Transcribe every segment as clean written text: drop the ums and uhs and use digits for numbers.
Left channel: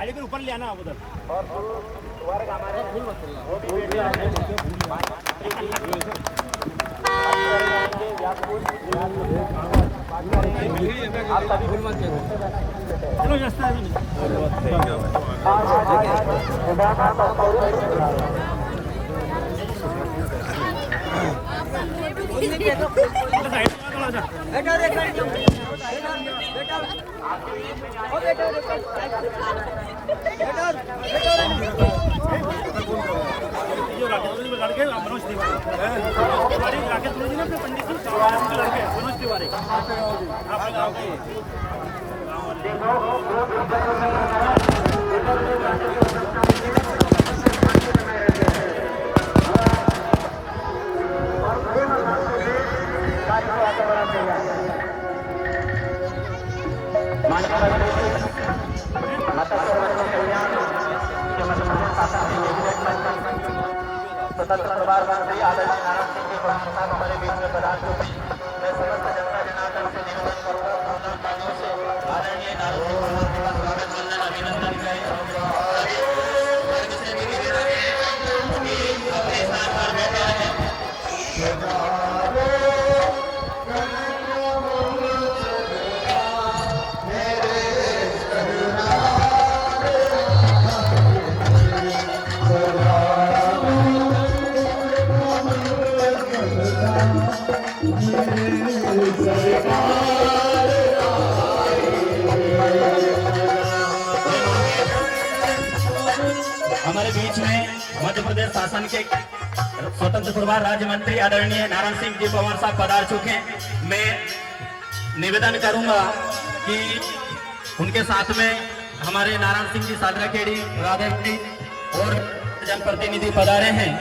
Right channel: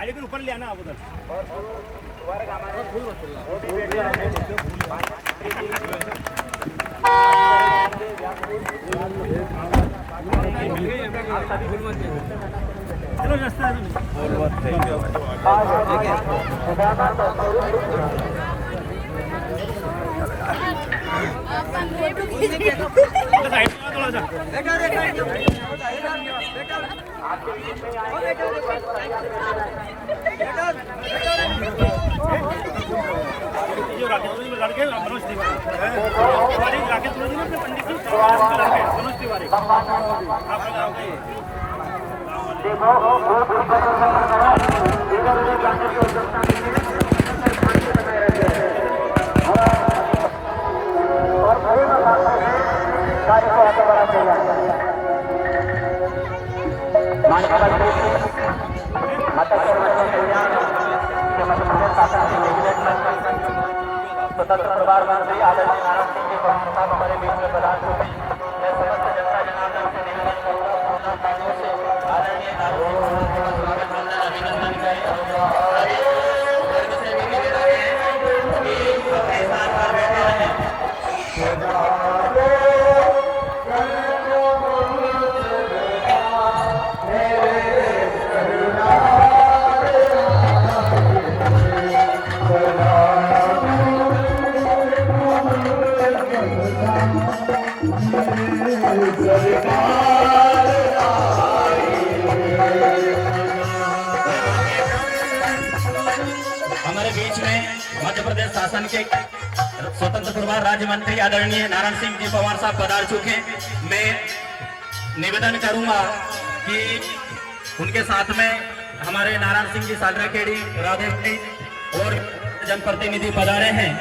गाड़ी के ऊपर ले आना आप उधर। चलो रास्ता है ठीक है। साइड में थोड़ा सा जो राकेश लड़के मनोज तिवारी राकेश ना अपने पंडित जी लड़के मनोज तिवारी स्वतंत्र प्रभार मंत्री आदरणीय नारायण सिंह जी प्रधान साहब हमारे बीच में प्रदान करते हैं। मैं समस्त जनता जनार्दन से निवेदन करूंगा दोनों लाइनों से आदरणीय नारायण सिंह जी का स्वागत वंदन अभिनंदन करें। वर्ग से भी निवेदन है कि अपने स्थान पर बैठे रहें। हमारे बीच में मध्य प्रदेश शासन के स्वतंत्र प्रभार राज्य मंत्री आदरणीय नारायण सिंह जी पवार साहब पधार चुके हैं। मैं निवेदन करूंगा कि उनके साथ में हमारे नारायण सिंह जी सादराखेड़ी राधेखेड़ी और जनप्रतिनिधि पधारे हैं।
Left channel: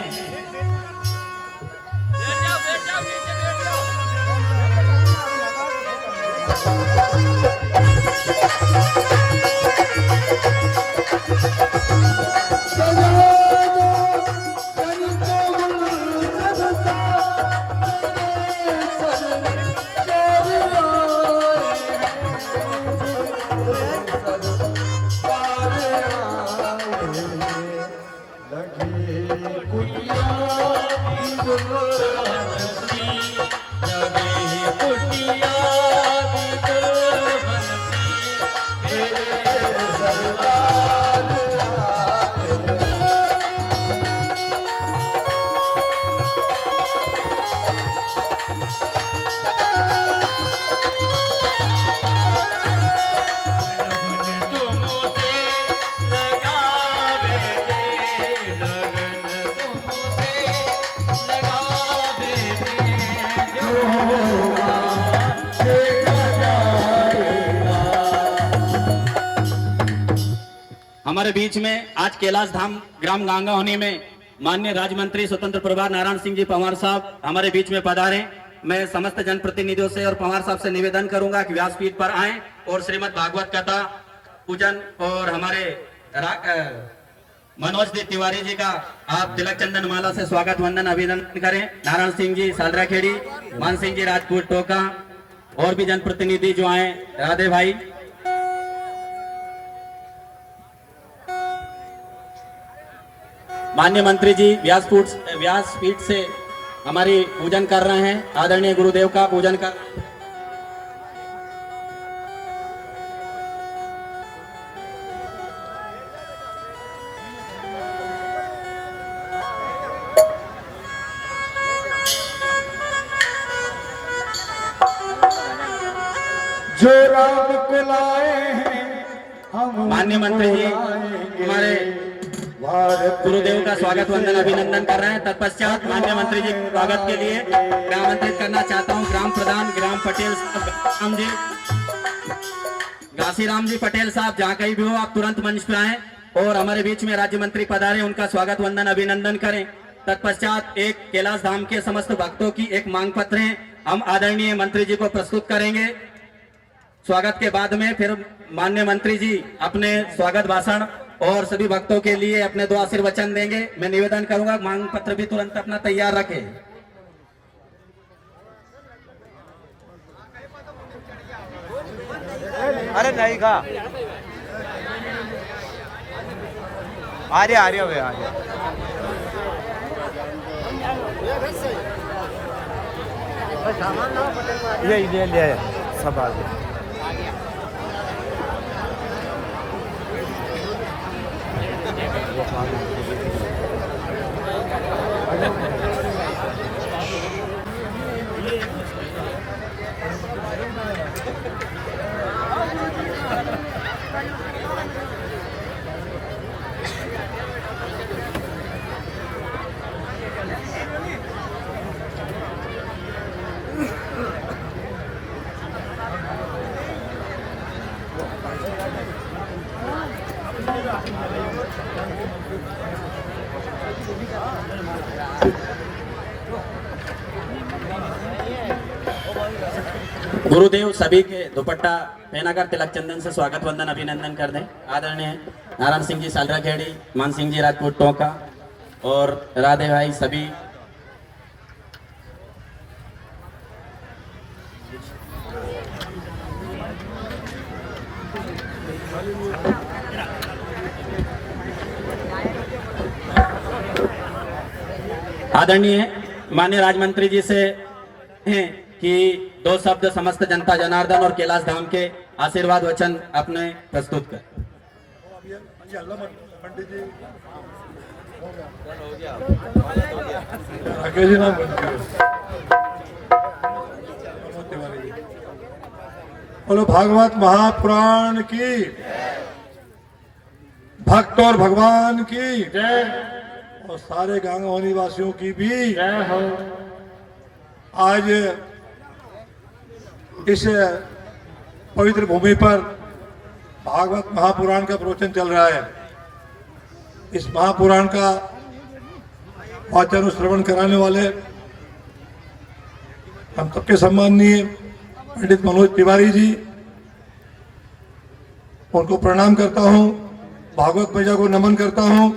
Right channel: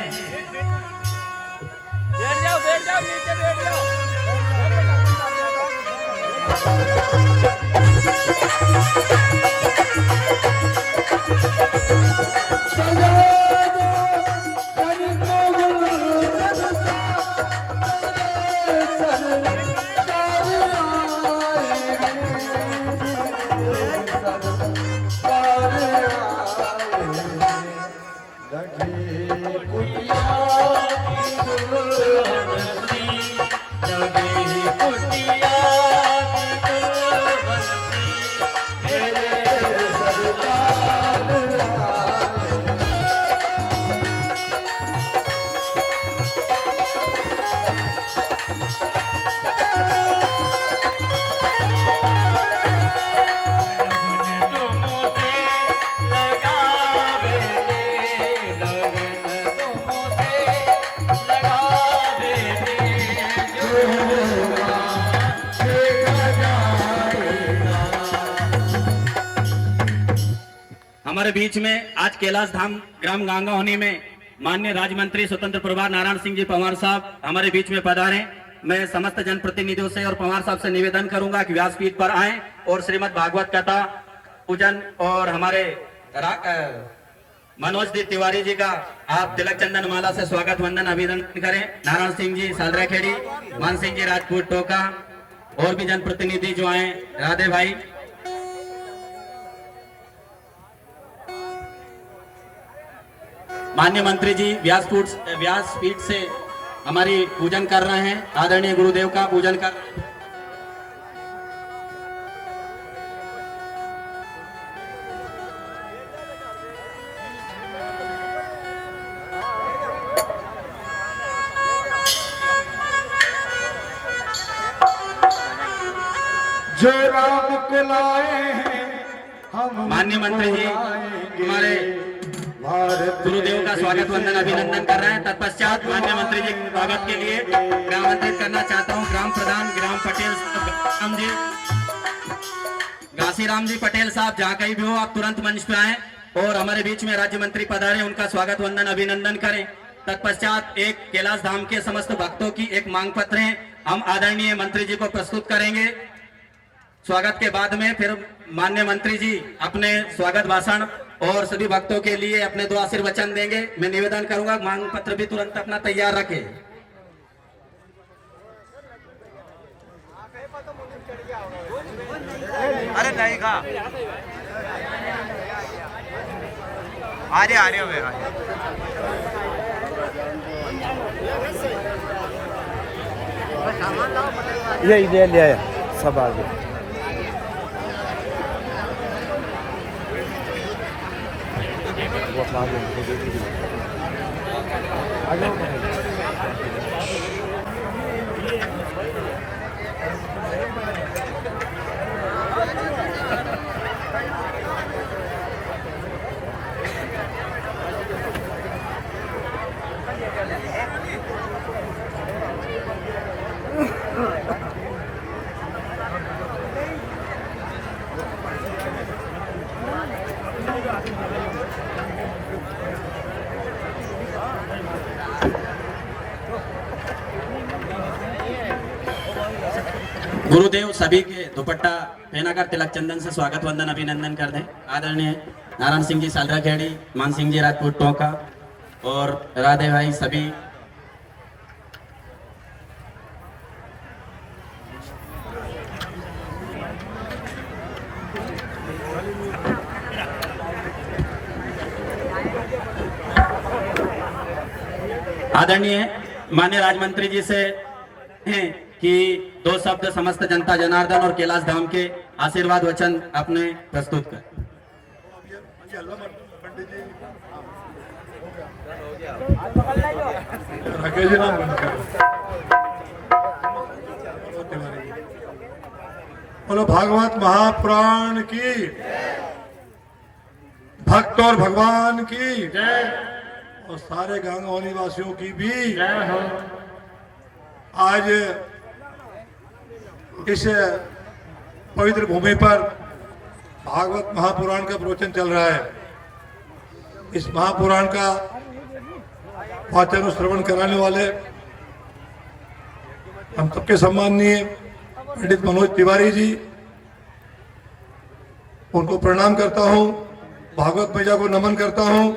हमारे बीच में आज कैलाश धाम ग्राम गांगा होने में माननीय राज्य मंत्री स्वतंत्र प्रभार नारायण सिंह जी पवार साहब हमारे बीच में पधारे। मैं समस्त जनप्रतिनिधियों से और पवार साहब से निवेदन करूंगा कि व्यासपीठ पर आएं और श्रीमद् भागवत कथा पूजन और हमारे मनोज तिवारी जी का आप तिलक चंदन माला से स्वागत वंदन अभिनंदन करें। नारायण सिंह जी सालराखेड़ी, मान सिंह जी राजपूत टोका और भी जनप्रतिनिधि जो आए, राधे भाई। माननीय मंत्री जी व्यासपीठ से हमारी पूजन कर रहे हैं, आदरणीय गुरुदेव का पूजन कर। जो राम को लाए हैं हम। माननीय मंत्री जी हमारे गुरुदेव का स्वागत वंदन अभिनंदन कर रहे हैं। तत्पश्चात माननीय मंत्री जी के स्वागत के लिए मैं आमंत्रित करना चाहता हूं ग्राम प्रधान ग्राम पटेल साहब जी, घासीराम जी पटेल साहब, जहाँ कहीं भी हो आप तुरंत मंच पे आए और हमारे बीच में राज्य मंत्री पधारे, उनका स्वागत वंदन अभिनंदन करें। तत्पश्चात एक कैलाश धाम के समस्त भक्तों की एक मांग पत्र है, हम आदरणीय मंत्री जी को प्रस्तुत करेंगे। स्वागत के बाद में फिर माननीय मंत्री जी अपने स्वागत भाषण और सभी भक्तों के लिए अपने दो आशीर्वचन देंगे। मैं निवेदन करूंगा मांग पत्र भी तुरंत अपना तैयार रखें। अरे नहीं का आ रहे हो भैया ये ले आए सब आ गए गुरुदेव सभी के दुपट्टा पहनाकर तिलक चंदन से स्वागत वंदन अभिनंदन कर दें। आदरणीय नारायण सिंह जी सालराखेड़ी, मान सिंह जी राजपूत टोंका और राधे भाई सभी आदरणीय माननीय राज्य मंत्री जी से हैं कि दो शब्द समस्त जनता जनार्दन और कैलाश धाम के आशीर्वाद वचन अपने प्रस्तुत कर। बोलो भागवत महापुराण की, भक्त और भगवान की जय, और सारे गांव निवासियों की भी जय हो। आज इस पवित्र भूमि पर भागवत महापुराण का प्रवचन चल रहा है। इस महापुराण का वाचन श्रवण कराने वाले हम सबके सम्माननीय पंडित मनोज तिवारी जी, उनको प्रणाम करता हूं, भागवत मैया को नमन करता हूं।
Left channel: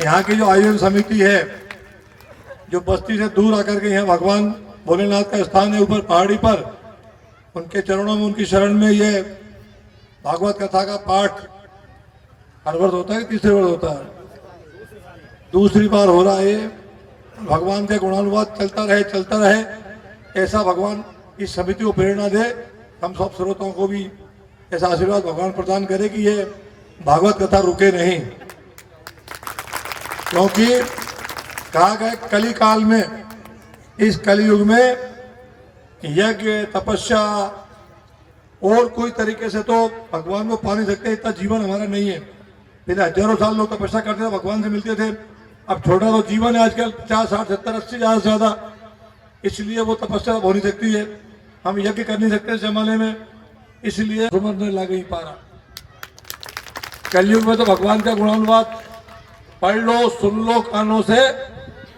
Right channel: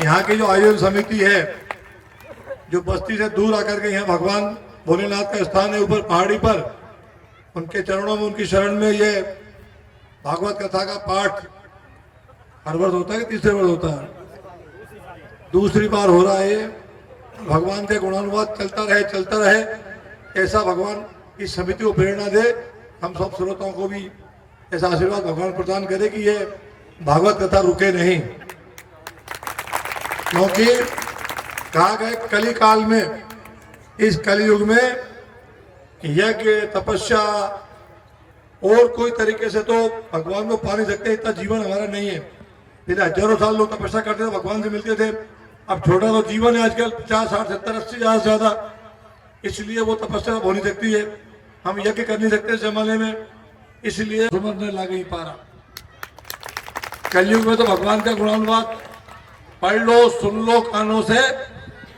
यहाँ की जो आयोजन समिति है, जो बस्ती से दूर आकर के यहाँ भगवान भोलेनाथ का स्थान है ऊपर पहाड़ी पर, उनके चरणों में, उनकी शरण में ये भागवत कथा का पाठ हर वर्ष होता है कि तीसरे वर्ष होता है? दूसरी बार हो रहा है ये। भगवान के गुणानुवाद चलता रहे, ऐसा भगवान इस समिति को प्रेरणा दे। हम सब श्रोताओं को भी ऐसा आशीर्वाद भगवान प्रदान करे कि ये भागवत कथा रुके नहीं, क्योंकि कहा गया कली काल में, इस कलयुग में यज्ञ तपस्या और कोई तरीके से तो भगवान को पा नहीं सकते, इतना जीवन हमारा नहीं है। पहले हजारों साल लोग तपस्या करते थे, भगवान से मिलते थे। अब छोटा तो जीवन है आजकल, 50, 60, 70, 80 ज्यादा से ज्यादा, इसलिए वो तपस्या हो नहीं सकती है। हम यज्ञ कर नहीं सकते इस जमाने में, इसलिए समझ नहीं लग नहीं पा रहा। कलयुग में तो भगवान का गुणानुवाद पढ़ लो, सुन लो कानों से,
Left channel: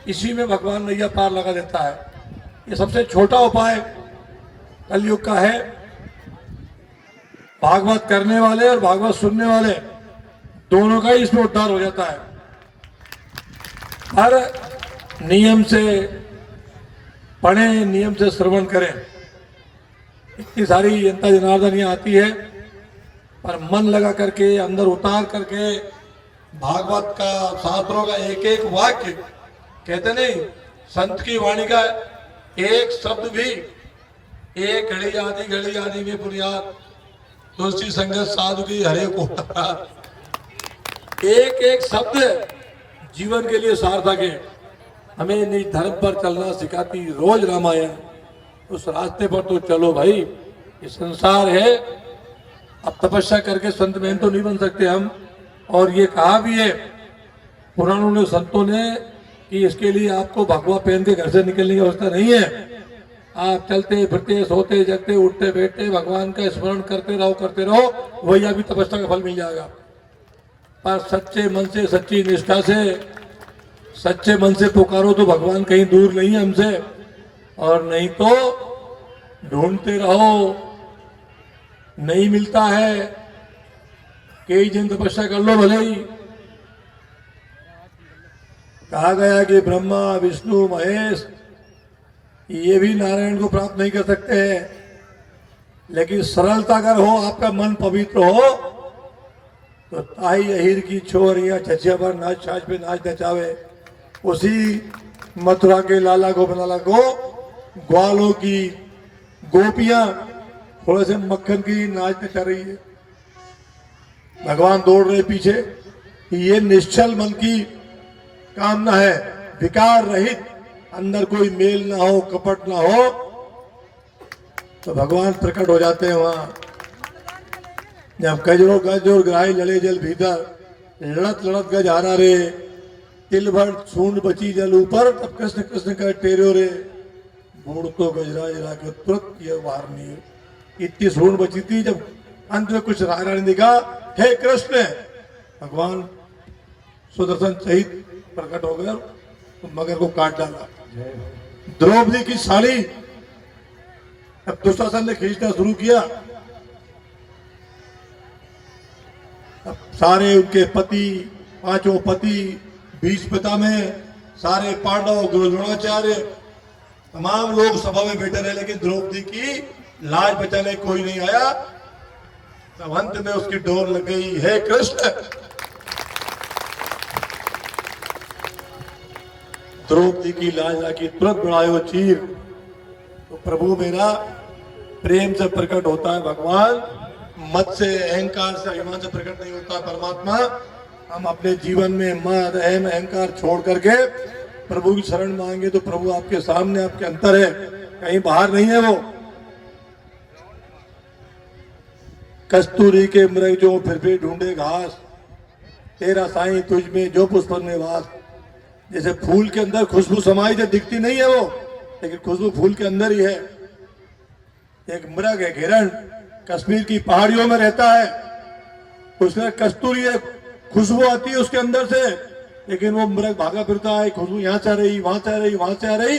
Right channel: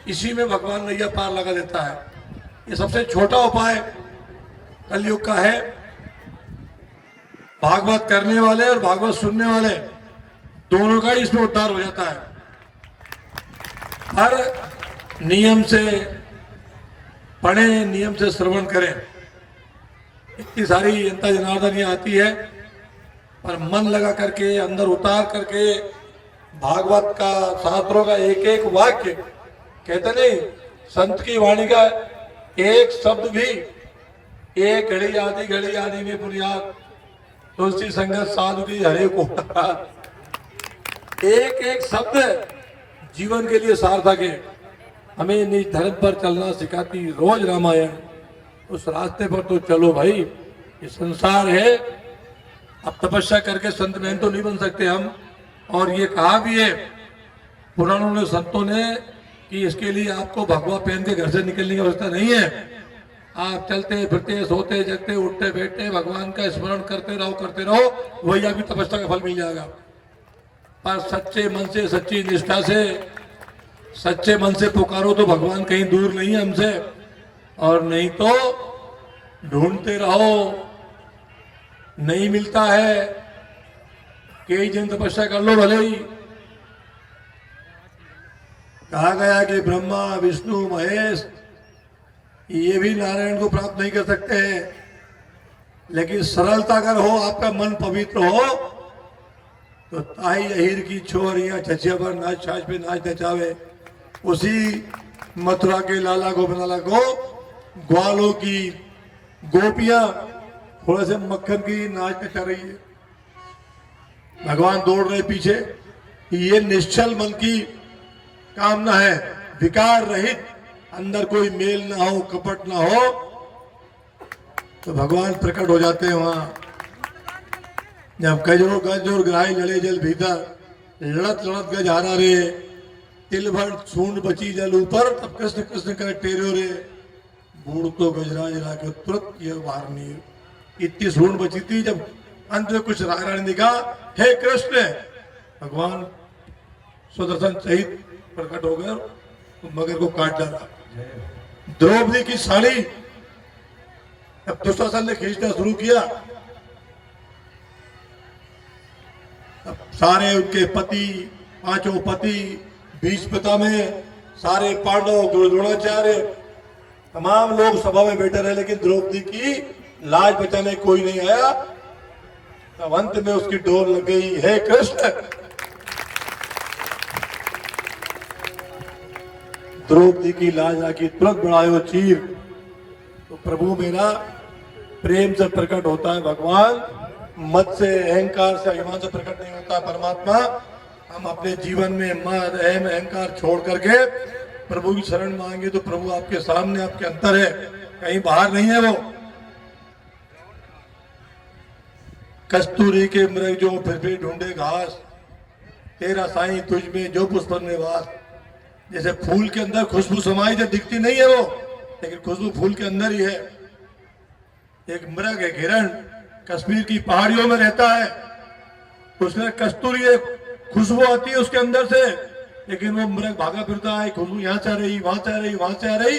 इसी में भगवान नैया पार लगा देता है। ये सबसे छोटा उपाय कलयुग का है। भागवत करने वाले और भागवत सुनने वाले दोनों का ही इसमें उद्धार हो जाता है। हर नियम से पढ़े, नियम से श्रवण करें। इतनी सारी जनता जनार्दन यहाँ आती है, पर मन लगा करके, अंदर उतार करके भागवत का, शास्त्रों का एक एक वाक्य, कहते नहीं, संत की वाणी का एक शब्द भी, एक घड़ी आदि में बुनियाद, तुलसी संगत साधु की हरे को, एक एक शब्द जीवन के लिए सार्थक है। हमें निज धर्म पर चलना सिखाती रोज रामायण, उस रास्ते पर तो चलो भाई। ये संसार है, अब तपस्या करके संत में तो नहीं बन सकते हम। और ये कहा भी है पुराणों ने, संतों ने, कि इसके लिए आपको भगवा पहन के घर से निकलने की अवस्था नहीं है। आप चलते फिरते, सोते जगते, उठते बैठते भगवान का स्मरण करते रहो, वही अभी तपस्या का फल मिल जाएगा। पर सच्चे मन से, सच्ची निष्ठा से, सच्चे मन से पुकारो तो भगवान कहीं दूर नहीं है हमसे। और नहीं तो ढूंढते रहो, नहीं मिलता है। कई जन तपस्या कर लो भले ही। कहा गया कि ब्रह्मा विष्णु महेश ये भी नारायण को प्राप्त नहीं कर सकते हैं, लेकिन सरलता अगर हो, आपका मन पवित्र हो, तो ताई अहिर की छोरियां छछिया पर नाच छाछ पे नाच नचावे, उसी मथुरा के लाला गोपाला को ग्वालों की गोपियां थोड़े से मक्खन की नाच नचा रही है। भगवान दौड़ रहे पीछे। ये निश्चल मन की कामना है, विकार रहित, अंदर कोई मेल ना हो, कपट ना हो, तो भगवान प्रकट हो जाते हैं वहां। जब गजरो गज और ग्राही लड़े जल भीतर, लड़त लड़त गज हारा रे, तिल भर सूंड बची जल ऊपर, तब कृष्ण कृष्ण कह टेरो रे, बूढ़ तो गजरा जला के तुरंत किया बाहर नहीं। इतनी सूंड बची थी, जब अंत में कुछ राजा ने देखा, हे कृष्ण, भगवान सुदर्शन सहित प्रकट हो गए, तो मगर को काट डाला। द्रौपदी की साड़ी अब दुशासन ने खींचना शुरू किया। अब सारे उनके पति, पांचों पति, बीच पिता में सारे पांडव, द्रोणाचार्य, तमाम लोग सभा में बैठे रहे, लेकिन द्रौपदी की लाज बचाने कोई नहीं आया। तब अंत में उसकी डोर लग गई, हे कृष्ण, द्रौपदी की लाज आकी तुरंत बढ़ायो चीर। तो प्रभु मेरा प्रेम से प्रकट होता है भगवान, मत से, अहंकार से, अभिमान से प्रकट नहीं होता परमात्मा। हम अपने जीवन में मद, अहम, अहंकार छोड़ करके प्रभु की शरण मांगे तो प्रभु आपके सामने, आपके अंतर है, कहीं बाहर नहीं है। वो कस्तूरी के मृग जो फिर भी ढूंढे घास, तेरा साईं तुझ में जो पुष्प निवास। जैसे फूल के अंदर खुशबू समाई जो दिखती नहीं है वो, लेकिन खुशबू फूल के अंदर ही है। एक मृग है हिरण, कश्मीर की पहाड़ियों में रहता है, उसमें कस्तूरी एक खुशबू आती है उसके अंदर से, लेकिन वो मृग भागा फिरता है, खुशबू यहाँ से आ रही, वहां से आ रही, वहां से आ रही,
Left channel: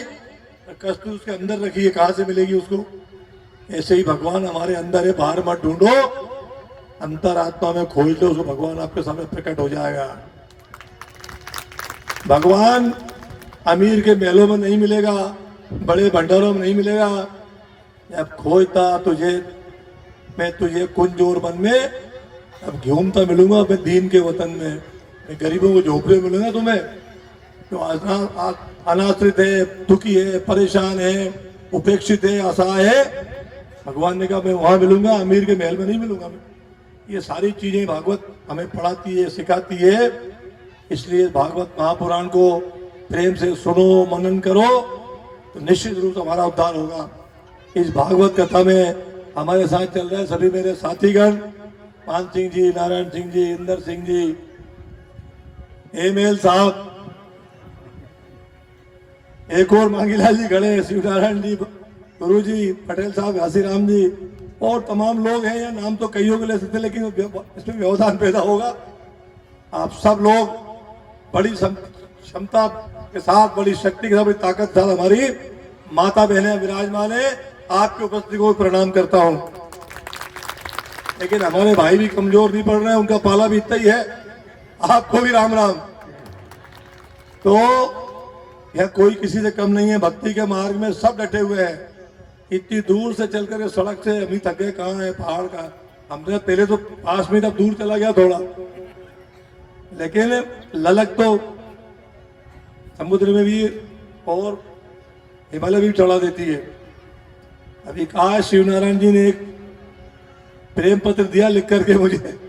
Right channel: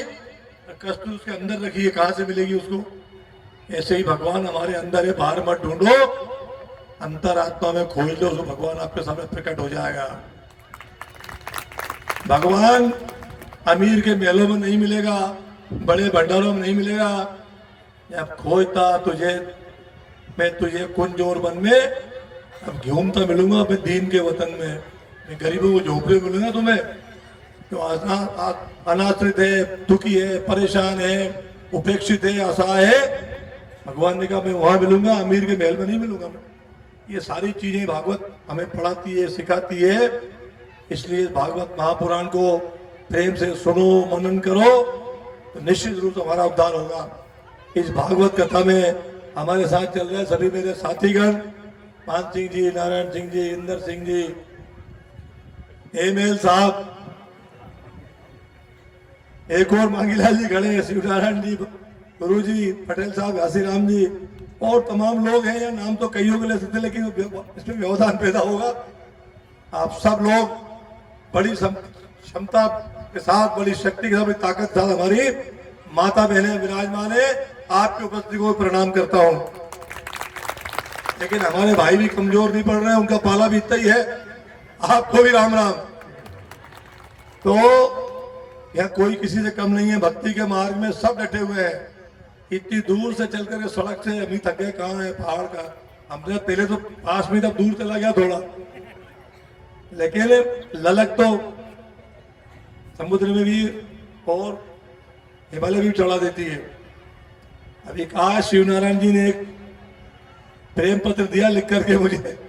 कस्तूरी उसके अंदर रखी है, कहां से मिलेगी उसको। ऐसे ही भगवान हमारे अंदर है, बाहर मत ढूंढो, अंतरात्मा में खोल दो, उसको भगवान आपके सामने प्रकट हो जाएगा। भगवान अमीर के महलों में नहीं मिलेगा, बड़े भंडारों में नहीं मिलेगा। अब खोजता तुझे, मैं तुझे कुंज और वन में अब घूमता मिलूंगा, मैं दीन के वतन में, मैं गरीबों को झोपड़े में मिलूंगा तुम्हें, तो अनाश्रित है, दुखी है, परेशान है, उपेक्षित है, असहाय है। भगवान ने कहा मैं वहां मिलूंगा, अमीर के महल में नहीं मिलूंगा मैं। ये सारी चीजें भागवत हमें पढ़ाती है, सिखाती है। इसलिए भागवत महापुराण को प्रेम से सुनो, मनन करो, तो निश्चित रूप से हमारा उद्धार होगा। इस भागवत कथा में हमारे साथ चल रहे सभी मेरे साथीगण, मान सिंह जी, नारायण सिंह जी, इंदर सिंह जी, एमएल साहब, एक और मांगीलाल जी खड़े, शिवनारायण जी, गुरु जी, पटेल साहब, घासीराम जी, और तमाम लोग हैं। नाम तो कईयों को ले सकते, लेकिन इसमें व्यवधान पैदा होगा। आप सब लोग बड़ी क्षमता के साथ, बड़ी शक्ति के साथ, बड़ी ताकत के साथ हमारी माता बहनें विराजमान है। आपकी उपस्थिति को प्रणाम करता हूं। लेकिन हमारे भाई भी कमजोर नहीं पड़ रहे हैं, उनका पाला भी इतना ही है। आपको भी राम राम। तो यह कोई किसी से कम नहीं है, भक्ति के मार्ग में सब डटे हुए हैं। इतनी दूर से चलकर सड़क से अभी थक गए, कहाँ है पहाड़ का, हमने पहले तो पास में तब दूर चला गया थोड़ा, लेकिन ललक तो समुद्र में भी और हिमालय भी चढ़ा देती है। अभी कहा शिवनारायण जी ने एक प्रेम पत्र दिया लिख करके मुझे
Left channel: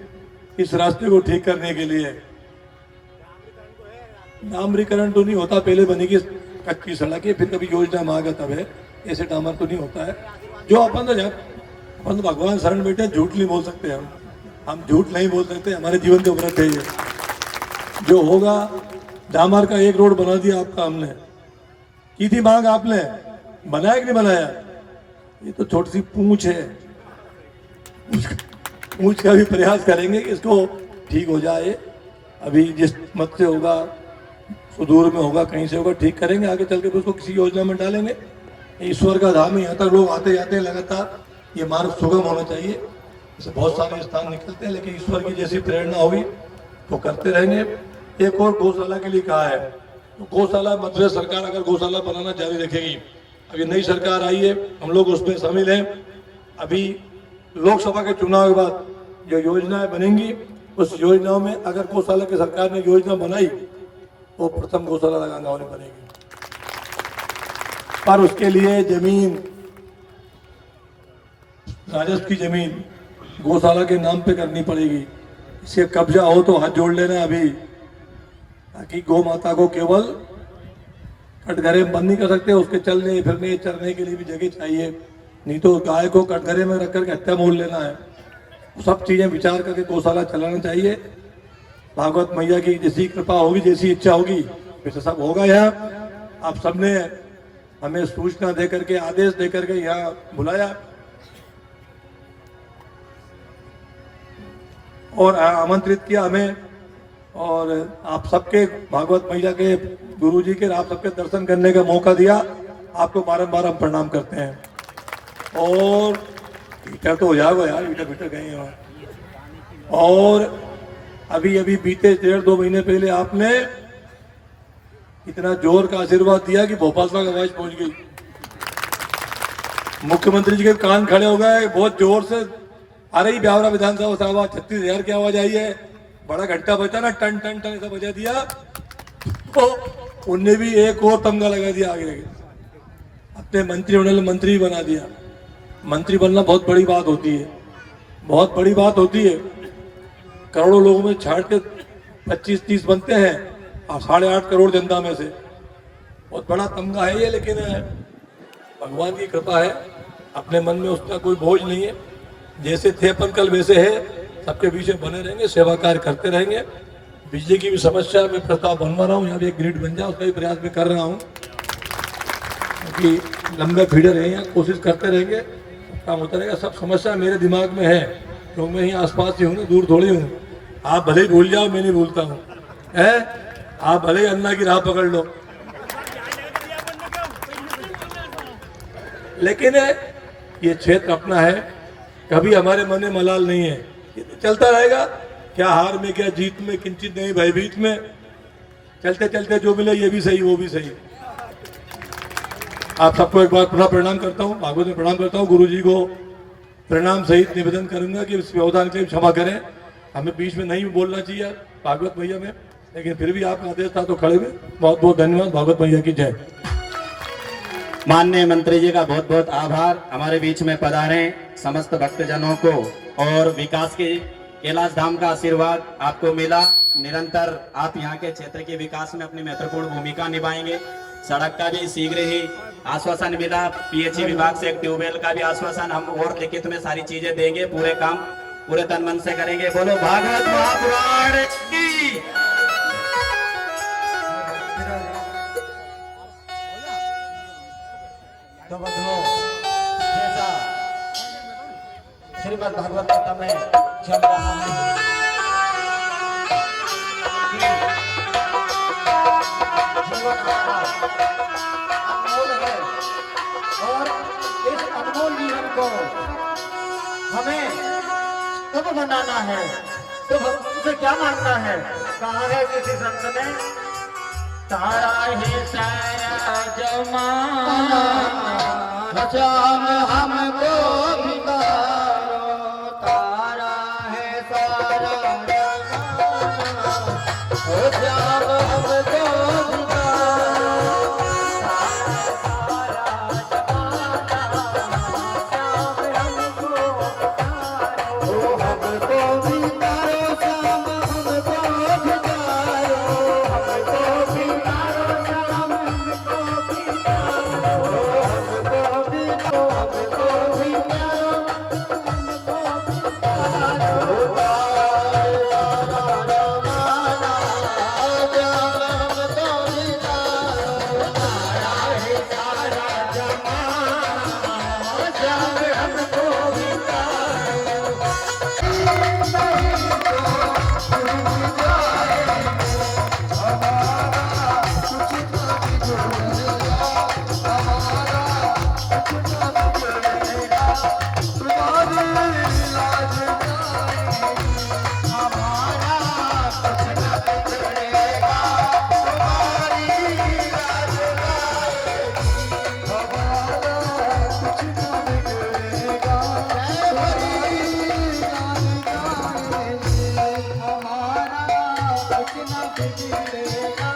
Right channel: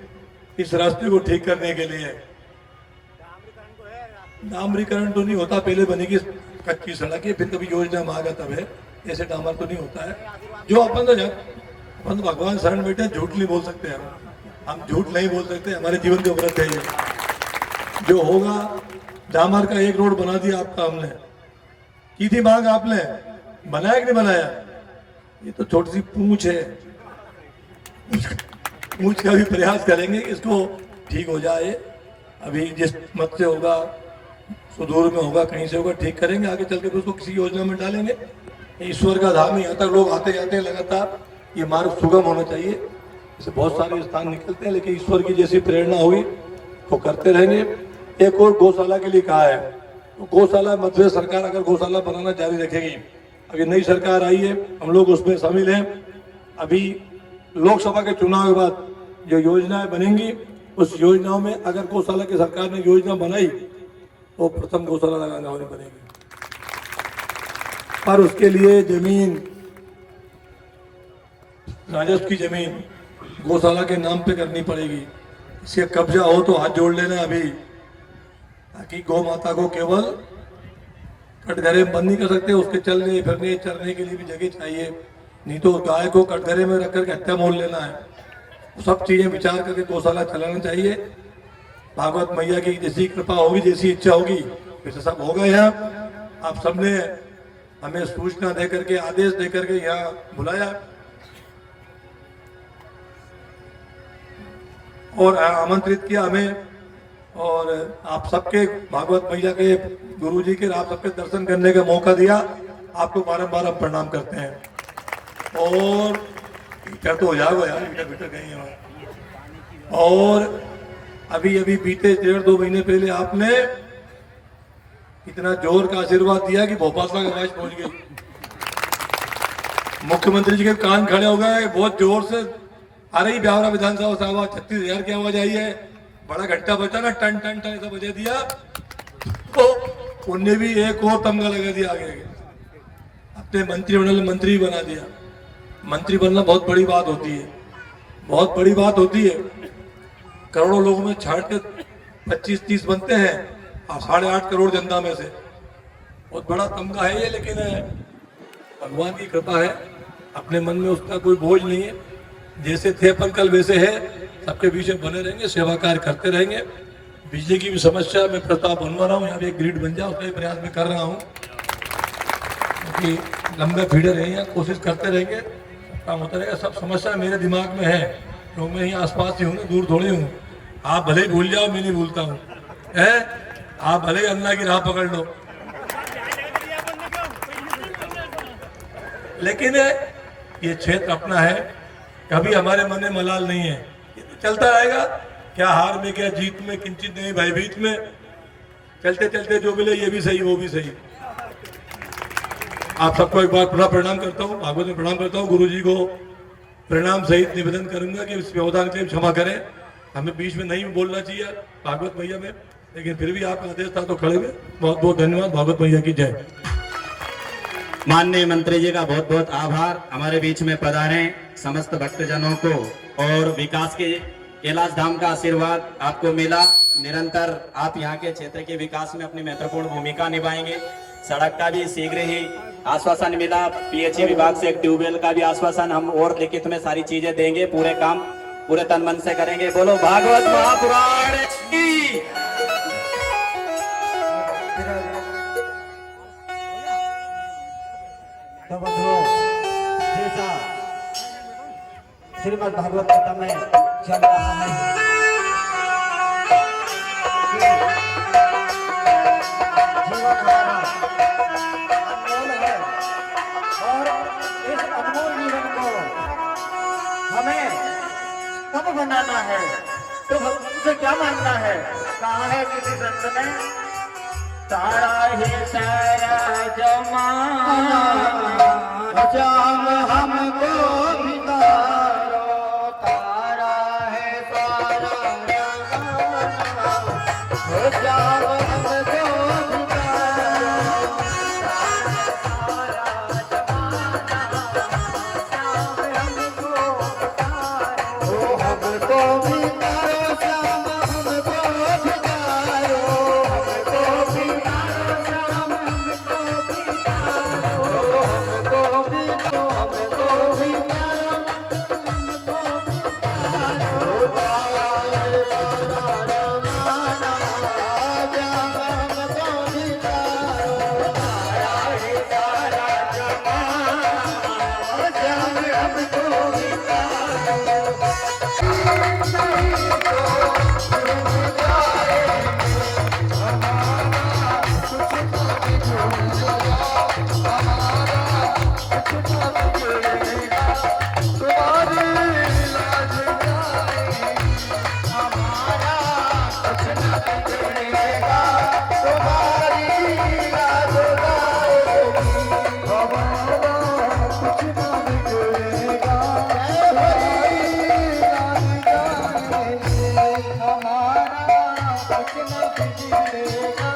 इस रास्ते को ठीक करने के लिए। डामरीकरण तो नहीं होता, पहले बनेगी कच्ची सड़क है, फिर कभी योजना में आगा तब है, ऐसे डामर तो नहीं होता है। जो अपन तो भगवान शरण बैठे, झूठ नहीं बोल सकते हम झूठ नहीं बोल सकते, हमारे जीवन के व्रत है ये। जो होगा, डामर का एक रोड बना दिया आपका हमने, की थी मांग आपने, बनाया कि नहीं बनाया? ये तो छोटी सी पूंछ है, पूंछ का भी प्रयास करेंगे इसको ठीक हो जाए। अभी जिस मत से होगा, सुदूर में होगा, कहीं से होगा, ठीक करेंगे, आगे चल के उसको किसी योजना में डालेंगे। ईश्वर का धाम ही आता, लोग आते जाते हैं लगातार, ये मार्ग सुगम होना चाहिए। इसे बहुत सारे स्थान निकलते हैं, लेकिन ईश्वर की जैसी प्रेरणा हुई वो करते रहेंगे। एक और गौशाला के लिए कहा है, तो गौशाला मध्य सरकार अगर गौशाला बनाना जारी रखेगी, अगर नई सरकार आई है, हम लोग उसमें शामिल हैं। अभी लोकसभा के चुनाव के बाद जो योजनाएं बनेंगी उस योजनाओं में अगर गौशाला की सरकार ने योजना बनाई तो प्रथम गौशाला लगांगांव में बनेगी, पर उसके लिए जमीन, राजस्व की जमीन गौशाला के नाम पे करनी पड़ेगी। इसके कब्जा हो तो हाथ जोड़ लेना अभी, ताकि गौ माता को केवल कटघरे में बंद नहीं कर सकते, उसके चलने फिरने चरने के लिए भी जगह चाहिए, नहीं तो गाय को कटघरे में रख करके हत्या मोल लेना है। सब चीजें विचार करके गौशाला चलाना चाहिए। भागवत मैया की जैसी कृपा होगी, जैसी इच्छा होगी, वैसे सब होगा। यहाँ आप सबने हमें सूचना दे करके, आदेश दे करके यहाँ बुलाया और आमंत्रित किया हमें, और आप सबके भागवत मैया के गुरु जी के आप सबके दर्शन करने का मौका दिया। आपको बारंबार हम प्रणाम करते हैं। और ईटा तो हो जाएगा यार, ईटा बीटा कहीं और अभी अभी बीते 1.5-2 महीने पहले आपने इतना जोर का आशीर्वाद दिया कि भोपाल तक आवाज पहुंच गई। मुख्यमंत्री जी के कान खड़े हो गए, बहुत जोर से आ रही ब्यावरा विधानसभा से आवाज, 36,000 की आवाज आई है। बड़ा घंटा बजा ना, टन टन टन ऐसा बजा दिया, तो उनने भी एक और तमगा लगा दिया आगे, अपने मंत्रिमंडल मंत्री बना दिया। मंत्री बनना बहुत बड़ी बात होती है, बहुत बड़ी बात होती है। करोड़ों लोगों में छाट के 25-30 बनते हैं और 8.5 करोड़ जनता में से, बहुत बड़ा तमगा है ये। लेकिन भगवान की कृपा है, अपने मन में उसका कोई बोझ नहीं है। जैसे थे अपन कल वैसे है, सबके पीछे बने रहेंगे, सेवा कार्य करते रहेंगे। बिजली की भी समस्या में प्रस्ताव बनवा रहा हूँ, यहाँ भी एक ग्रिड बन जाए उसका भी प्रयास में कर रहा हूँ, क्योंकि लंबे फीडर हैं, कोशिश करते रहेंगे, काम होता रहेगा। सब समस्या मेरे दिमाग में है, तो मैं ही आसपास ही हूँ ना, दूर थोड़ी हूँ। आप भले ही भूल जाओ, मैं नहीं भूलता हूँ, आप भले ही अल्लाह की राह पकड़ लो, लेकिन ये क्षेत्र अपना है, कभी हमारे मन में मलाल नहीं है। ये चलता रहेगा, क्या हार में क्या जीत में, किंचित नहीं भयभीत में, चलते चलते जो मिले ये भी सही वो भी सही। आप सबको एक बार पुनः प्रणाम करता हूँ, भागवत में प्रणाम करता हूँ। गुरु जी को प्रणाम सहित निवेदन करूंगा कि इस व्यवधान के लिए क्षमा करें, हमें बीच में नहीं बोलना चाहिए भागवत मैया में, लेकिन फिर भी आपका आदेश था तो खड़े हुए। बहुत बहुत धन्यवाद। भागवत मैया की जय। माननीय मंत्री जी का बहुत बहुत आभार। हमारे बीच में पधारे समस्त भक्तजनों को, और विकास के कैलाश धाम का आशीर्वाद आपको मिला। निरंतर आप यहाँ के क्षेत्र के विकास में अपनी महत्वपूर्ण भूमिका निभाएंगे। सड़क का भी शीघ्र ही आश्वासन मिला, पीएचई विभाग से एक ट्यूबवेल का भी आश्वासन हम और लिखित में सारी चीजें देंगे, पूरे काम पूरे तन मन से करेंगे। बोलो भागवत महापुराण की। तो बंधुओं, जैसा श्रीमद् भागवत गीता में चल रहा है, जीवन अनमोल है, और इस अनमोल जीवन को हमें कब बनाना है, तो भगवान से क्या मांगना है? कहा है किसी संत ने, तारा ही सारा जमाना, जाम हमको बितारो, तारा है सारा जमाना, जाम हमको बितारो, कुछ न बिगड़ेगा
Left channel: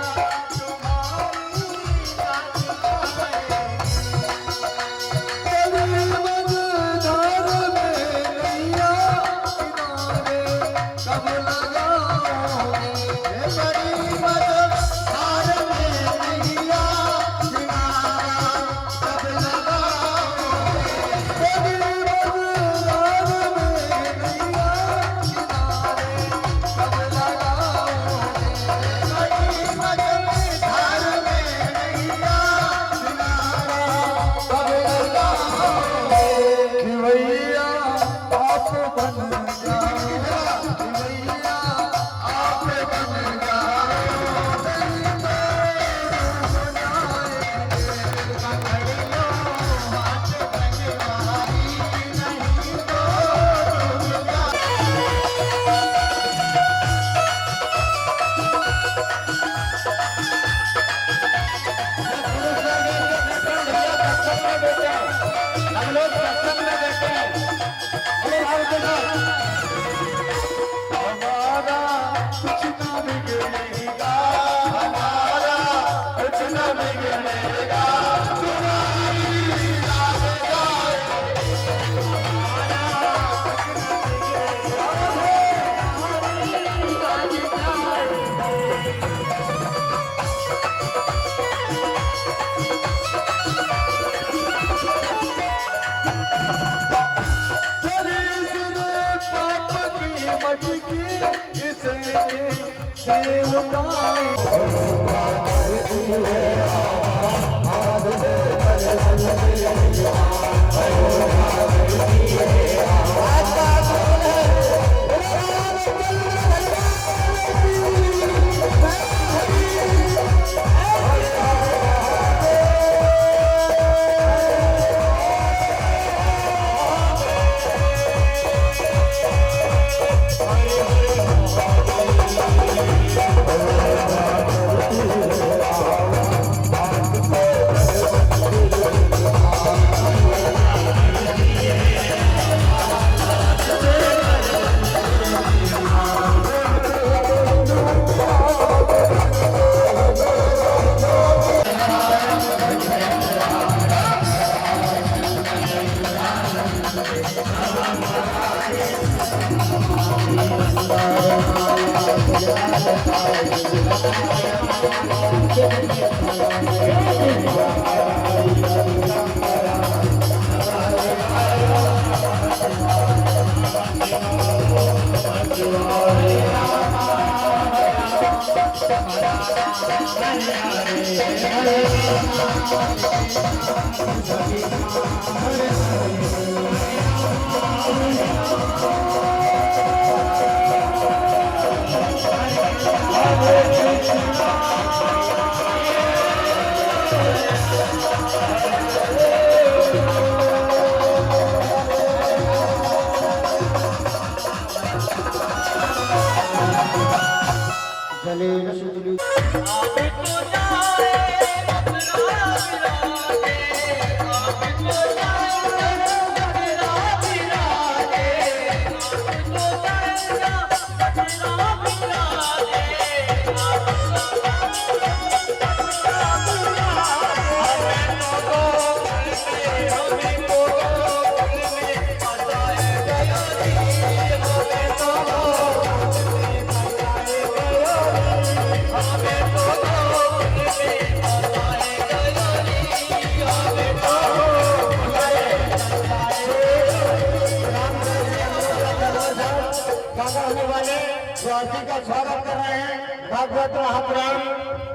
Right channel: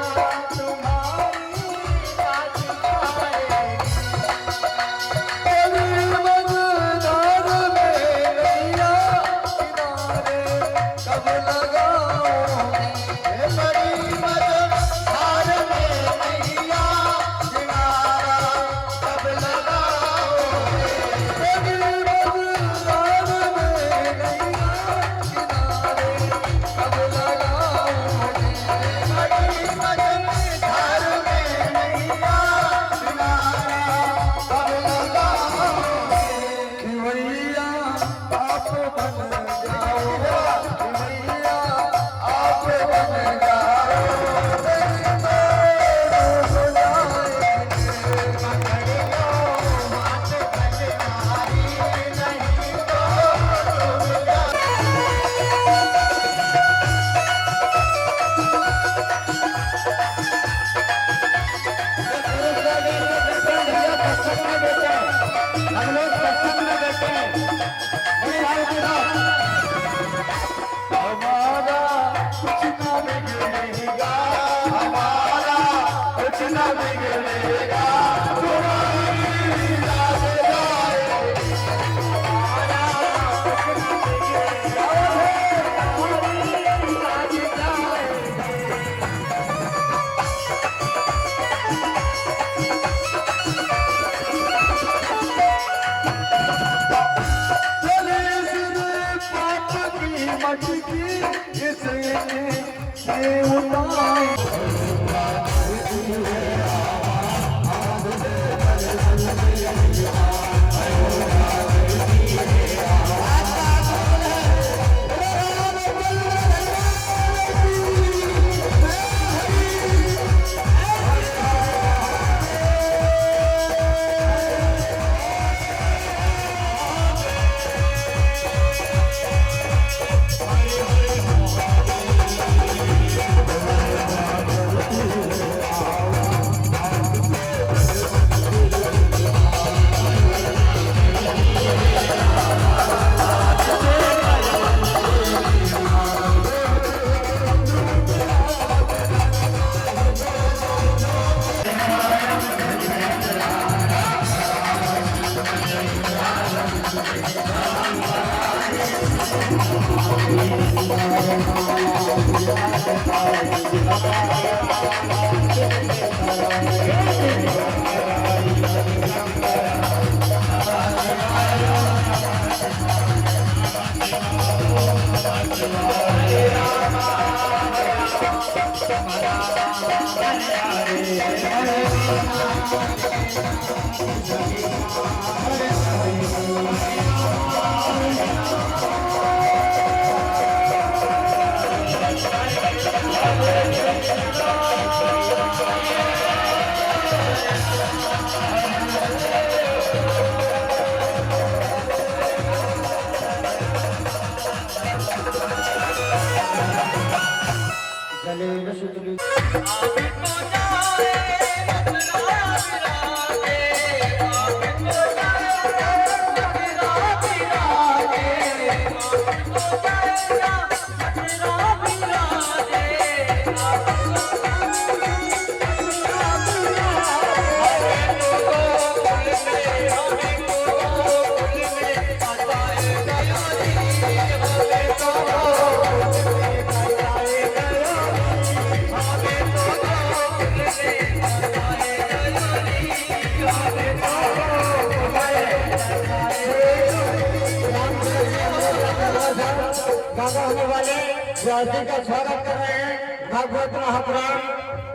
का स्वागत कर रहे हैं भागवत महापुराण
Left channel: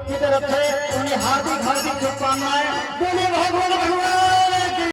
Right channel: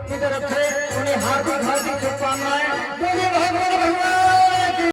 की तरफ से उन्हें हार्दिक हार्दिक शुभकामनाएं। बोलिए भगवान भगवान